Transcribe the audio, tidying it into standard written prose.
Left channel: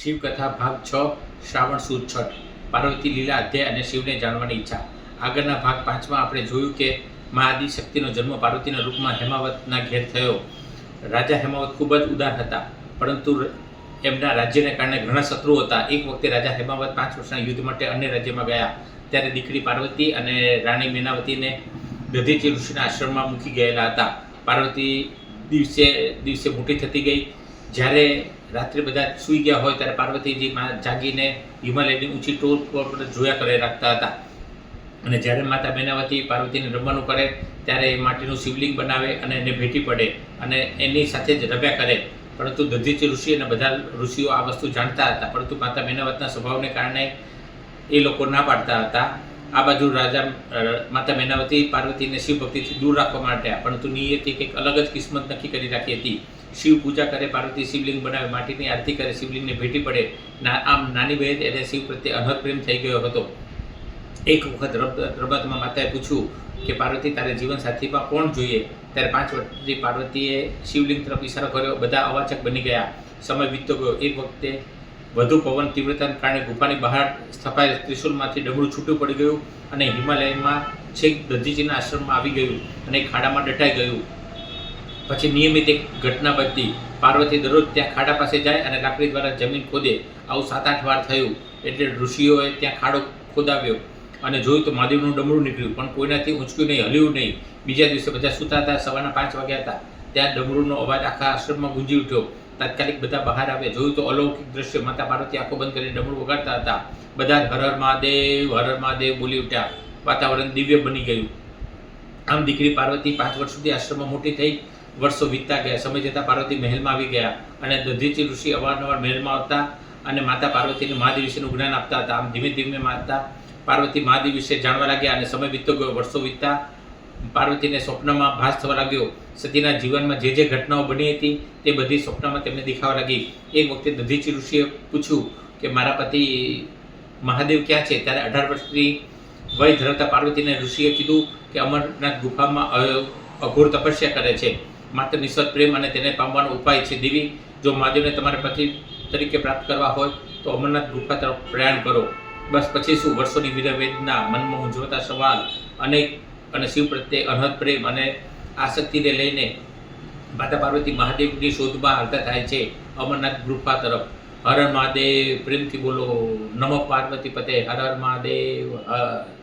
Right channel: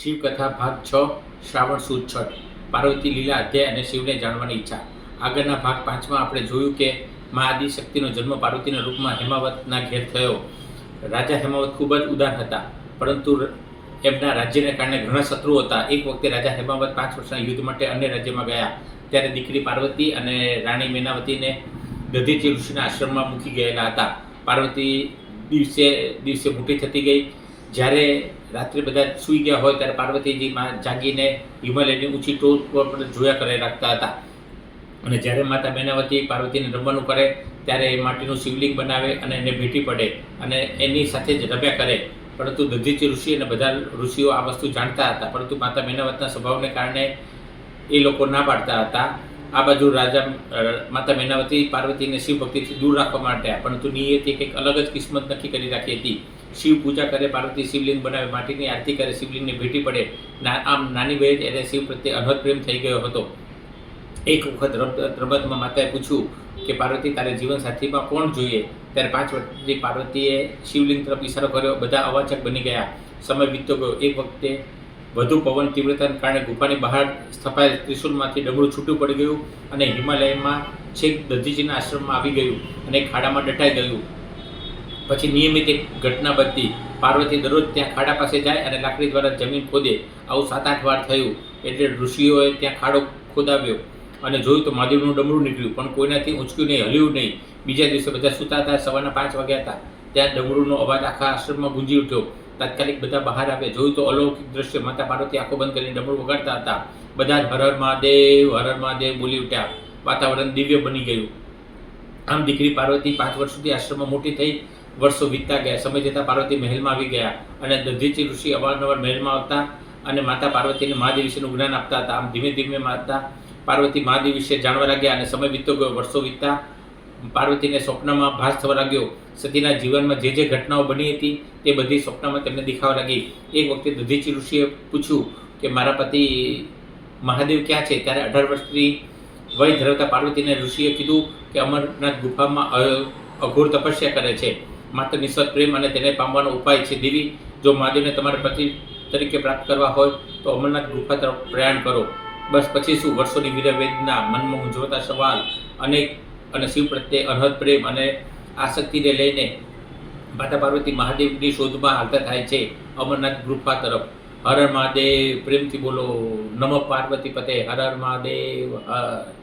શિવકથા ભાગ 6 શ્રાવણ સુદ છઠ પાર્વતી લીલા અધ્યાય અને શિવને જાણવાની ઈચ્છા। આગળના ભાગ 5માં આપણે જોયું કે મા આદિશક્તિનો જન્મ પાર્વતીના રૂપમાં હેમાવતના ઘેર થયો। રાજા હેમાવત ખૂબ જ ઉદાર હતા, પરંતુ એમના રાજ્યને કારણે ઘણા શત્રુઓ હતા। એક વખતે રાજા હેમાવત 5 વર્ષના યુદ્ધ માટે અન્ય રાજ્યમાં ગયા, ત્યારે દીકરી પાર્વતી અને રાણી મેનાવતીને દધીચી ઋષિના આશ્રમમાં મૂકી ગયેલા હતા। પાર્વતી દિવસે દિવસે મોટી થતી ગઈ। જ્યારે રાત્રે બધા સૂઈ ગયા હોય ત્યારે પાર્વતીજી જાગીને હિમાલયની ઊંચી ટોચ પર જોયા કરે રાખતા હતા। અને જ્યારે માતા મેનાવતી પાર્વતીને રમવાનું કરે ત્યારે એ માટીનું શિવલિંગ બનાવે અને એને ભેટી પડે અને એની સાથે જ રમ્યા કરે। પરંતુ દધીચી ઋષિ અને બધા ઋષિઓ આ વસ્તુ જાણતા હતા, પરંતુ માતા મેનાવતના સ્વભાવને કારણે એ લોકો ના પાડતા હતા। આ બાજુ માતા મેનાવતી પાર્વતીને શિવ ભક્તિથી દૂર રાખવા માટે, પરંતુ નિયતિ કંઈક અલગ જ કિસ્મત નક્કી કરી રાખી હતી। શિવ પૂજા કરે, પાર્વતી શિવલિંગ બનાવે, માટીની આરતી કરે, શિવલિંગને ભેટી પડે। આમ નાની બહેન એને શિવ પ્રત્યે અનહદ પ્રેમ થઈ ગયો હતો। એક વખત રમતમાં માતાએ પૂછ્યું કે પાર્વતી, તારે જીવનસાથીમાં કોણ જોઈએ? ત્યારે 5 વર્ષની પાર્વતીએ શિવલિંગ તરફ ઇશારો કર્યો। બધા અવાચક બની ગયા। સમય વીતતો ગયો। એક વખતે વધુ પવન તીવ્રતાને કારણે ગુફાની બહાર સ્થપાયેલ ત્રિશુલમાંથી ડમરું છૂટું પડી ગયું અને હિમાલયમાં છેક દધીચીના આશ્રમમાં આવી ગયું અને ખાડામાં દટાઈ ગયું। પછી નિયમિત એક ઘટના બનતી। પાર્વતી દરરોજ ત્યાં ખાડા પાસે જાય અને લાકડી દ્વારા જમીન ખોદે। આવું 7-8 વાર થયું। એટલે ઋષિઓએ ત્યાં ખાડો ખોદાવ્યો અને જોયું તો મહાદેવનું ડમરું નીકળ્યું, પણ કોઈનાથી ઊંચક્યું નહીં, હલ્યું નહીં। બીજા દિવસે બધા સૂતા હતા। સવારના 5 વાગ્યા હતા। ત્યાં ડમરુનો અવાજ આખા આશ્રમમાં ગુંજી ઉઠ્યો। તાત્કાલિક બધા બહાર આવ્યા। જોયું તો અલૌકિક દ્રશ્ય। માતા પાર્વતી આંખો બંધ કરીને ડમરું વગાડતા હતા। બધા હર હર મહાદેવ બોલી ઉઠ્યા। વાતાવરણ દિવ્ય બની ગયું। આમ દીકરી પાર્વતી 5 વર્ષ સુધી આશ્રમમાં મોટી થઈ। વર્ષો વીતતા ગયા। સમય જતાં પાર્વતી મહેલમાં આવી ગયા અને દધીચી ઋષિ અવારનવાર મહેલમાં આવતા અને માતા પાર્વતીને મહાદેવ વિશેનું જ્ઞાન આપતા હતા। આમ ધીમે ધીમે માતા પાર્વતી મહાદેવ વિશે જાણવા લાગ્યા અને સમય વીતતો ગયો। વર્ષો વીતતા પાર્વતીને સ્વપ્નમાં ભાસ થવા લાગ્યો। સતીના જીવનમાં જે જે ઘટનાઓ બની હતી તે બધી સ્વપ્નમાં તેમને દેખાવા લાગી। એક વખતે દધીચી ઋષિએ પૂછ્યું કે મારા પતિ મહાદેવ ક્યાં છે? ત્યારે 18 વર્ષની વય ધરાવતા પાર્વતીને ઋષિએ કીધું કે અમરનાથ ગુફામાં અઘોર તપસ્યા કરે છે। માત્ર નિસ્વાર્થ પ્રેમ અને તેને પામવાનો ઉપાય છે। દેવી, જો મહાદેવને તમારા પતિ તરીકે પ્રાપ્ત કરવા હોય તો અમરનાથ ગુફા તરફ પ્રયાણ કરો। બસ પછી શું? વર્ષોની વિરવેદના, મનમાં મૂંઝવતા સવાલ અને શિવ પ્રત્યે અનહદ પ્રેમ અને આસક્તિને લઈને માતા પાર્વતી મહાદેવની શોધમાં હાલતા થાય છે અમરનાથ ગુફા તરફ। હર હર મહાદેવ, પ્રેમથી બોલો, નમઃ પાર્વતી પતે, હર હર મહાદેવ, હર।